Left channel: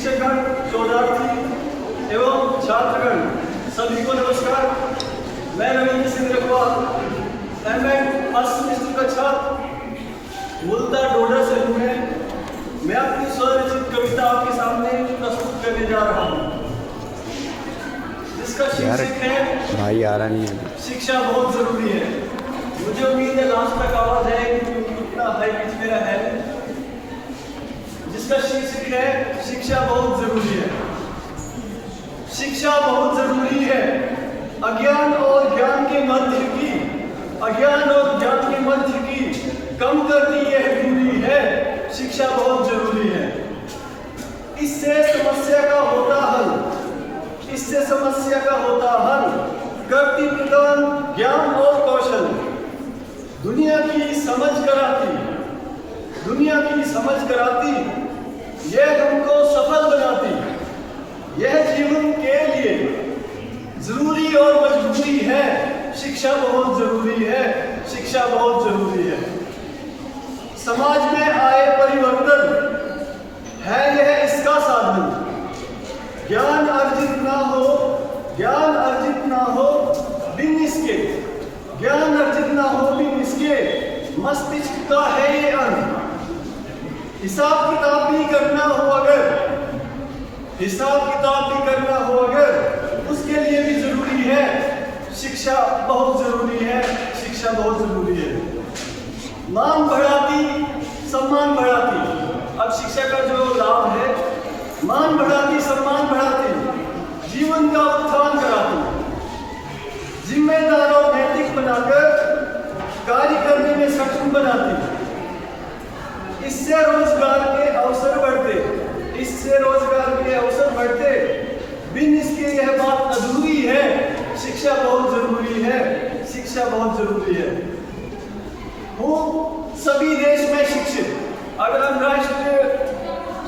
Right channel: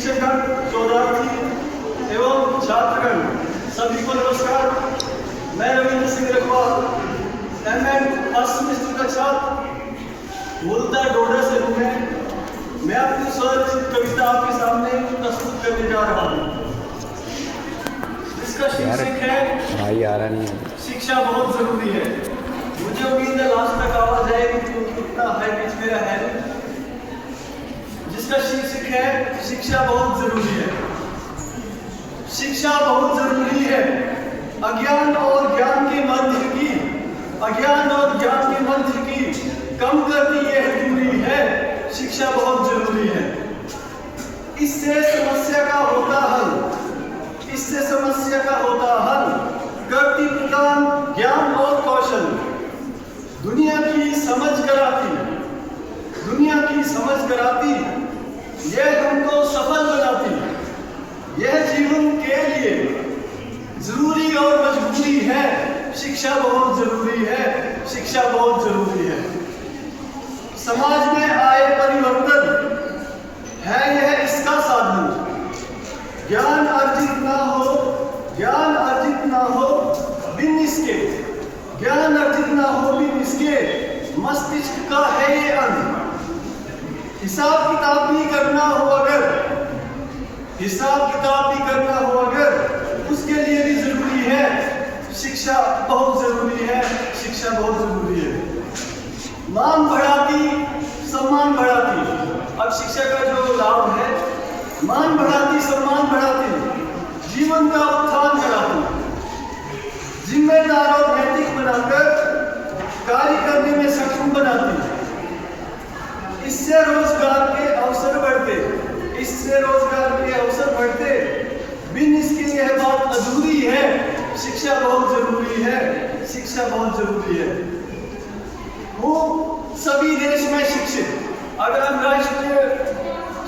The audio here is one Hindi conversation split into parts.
शिक्षकगण, शोधार्थी एवं छात्रगण सभी को नमस्कार। मैं Ravindra Singh रखवाल, MEd first semester का छात्र, मूलतः डोडा से हूँ। मैं अपनी स्वरचित कविता आपके सामने प्रस्तुत करने जा रहा हूँ, जिसका शीर्षक है शिक्षा बहुत जरूरी है। मुझे उम्मीद है लास्ट तक आवाज आएगी, उतना है बीच मेरा है। जिसका शीर्षक है शिक्षा बहुत जरूरी है। शिक्षा बहुत जरूरी है। अज्ञान और ज्ञान के मध्य की कम करती यह दूरी है। शिक्षा बहुत जरूरी है। इससे समस्या का होता हल करती प्रदान ज्ञान और कौशल। दुनिया की समझ कराती यह हमको सफल बनाती। यह जीवन के लिए जरूरी और मजबूरी है। शिक्षा बहुत जरूरी है। समाज में आए परिवर्तन है यह इसका साधन। ज्ञान अर्जित ना हो बिन इसके मस्तिष्क का है ये अंग। हिसाब किताब भी करना हो अगर उसके लिए भी जरूरी है। शिक्षा बहुत जरूरी है। मान बढ़ाती, सम्मान बढ़ाती। अब शिक्षा का जो लाभ है, मान बढ़ाती, सम्मान बढ़ाती, जीवन का उत्थान कराती, जिम्मेदार और नैतिक बनाकर कार्य करने में सक्षम बनाती। इससे रोजगार के बढ़ते। बिन इसके यह बात अधूरी है। शिक्षा बहुत जरूरी है। वो सभी देश में शिक्षित। अगर हम राष्ट्रीय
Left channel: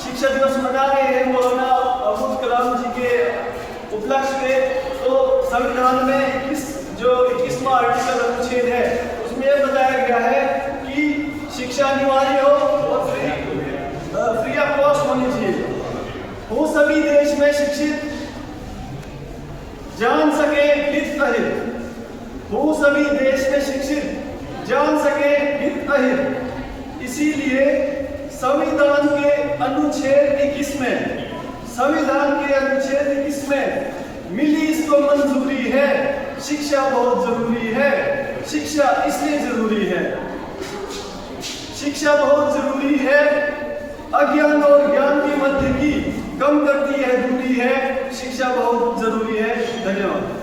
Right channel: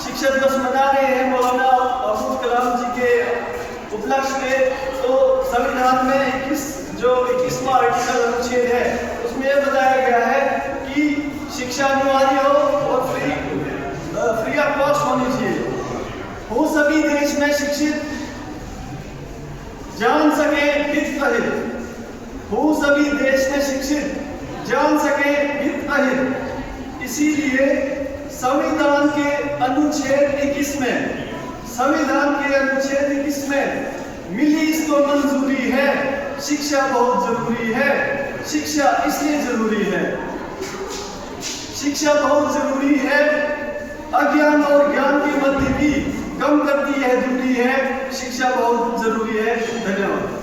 शिक्षा दिवस मना रहे हैं मौलाना अब्दुल कलाम जी के उपलक्ष्य में, तो संविधान में 21वां आर्टिकल अनुच्छेद है, उसमें यह बताया गया है कि शिक्षा अनिवार्य हो और फ्री ऑफ कॉस्ट होनी चाहिए। वो सभी देश में शिक्षित, जान सके हित अहित। इसीलिए संविधान के अनुच्छेद 21 में मिली इसको मंजूरी है। शिक्षा बहुत जरूरी है। शिक्षा इसलिए जरूरी है। शिक्षा बहुत जरूरी है। अज्ञान और ज्ञान के मध्य की कम करती है दूरी है। शिक्षा बहुत जरूरी है। धन्यवाद।